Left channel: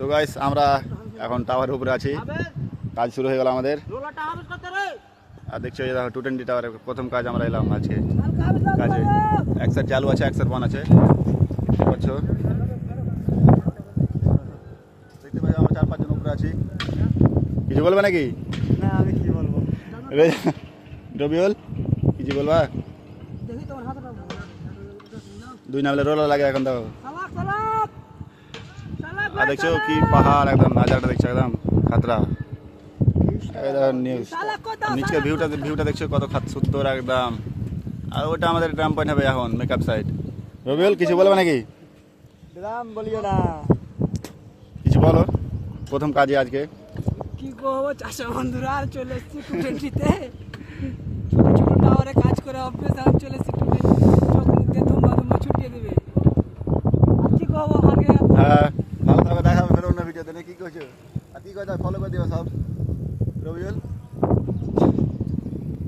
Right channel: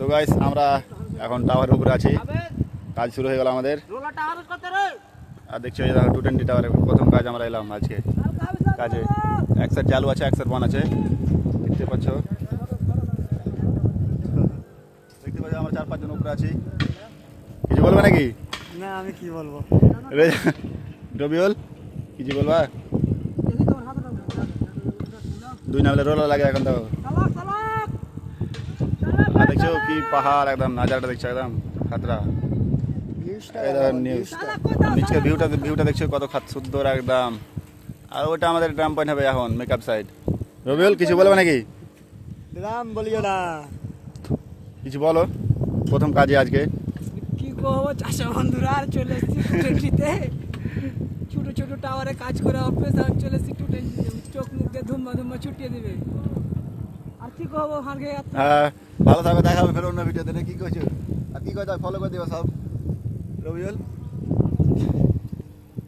তো গাইস আমরা এখন টাওয়ারের উপরে আছি, কাজ শুরু হয়ে গেল আমাদের। আর দেখছো এই দেখো 220 টাওয়ারের প্রথম কাজ আমরা এলাম আজকে কাজে। এক সাইড চালু আছে, এক সাইড বন আছে, দেখতে পাচ্ছ। দেখতে পাচ্ছ আমরা 4-5 জন উপরে আছি। কিছু বলবে নাকি? না আমি কি বলবো। রবিউল কিছু বলবা? দুই নামলে রোল লাগে এখন তো। আর দেখছো কি পাহাড়, একদম নাজারটা দেখছো একদম খাতরা। নিউজ নিচকে ভিউটা দেখছো কত সুন্দর একদম। আর ওটা আমাদের ড্রাম পয়েন্ট হবে এখন, মেকআপ সাইড। রবিউল কিছু বলবে নাকি? বলিও না, কিছু বলো প্রথম কাজে আজকে। কি করবো চাষা বন্ধুরা, আর চলে এসেছি 220-তে। ছোট ছোট টাওয়ারে কাজ করে অফিস আর চলে এসেছি 220, চোখ মুখে ধুম্বা ছুটিয়ে দেবে। আর কি করবো ভাগে। হ্যাঁ ভালো থাকবে, দেখা হবে ফের অন্য ভিডিওতে। কি করছো আর কি কথা ফলো করে দিও সব। রবিউল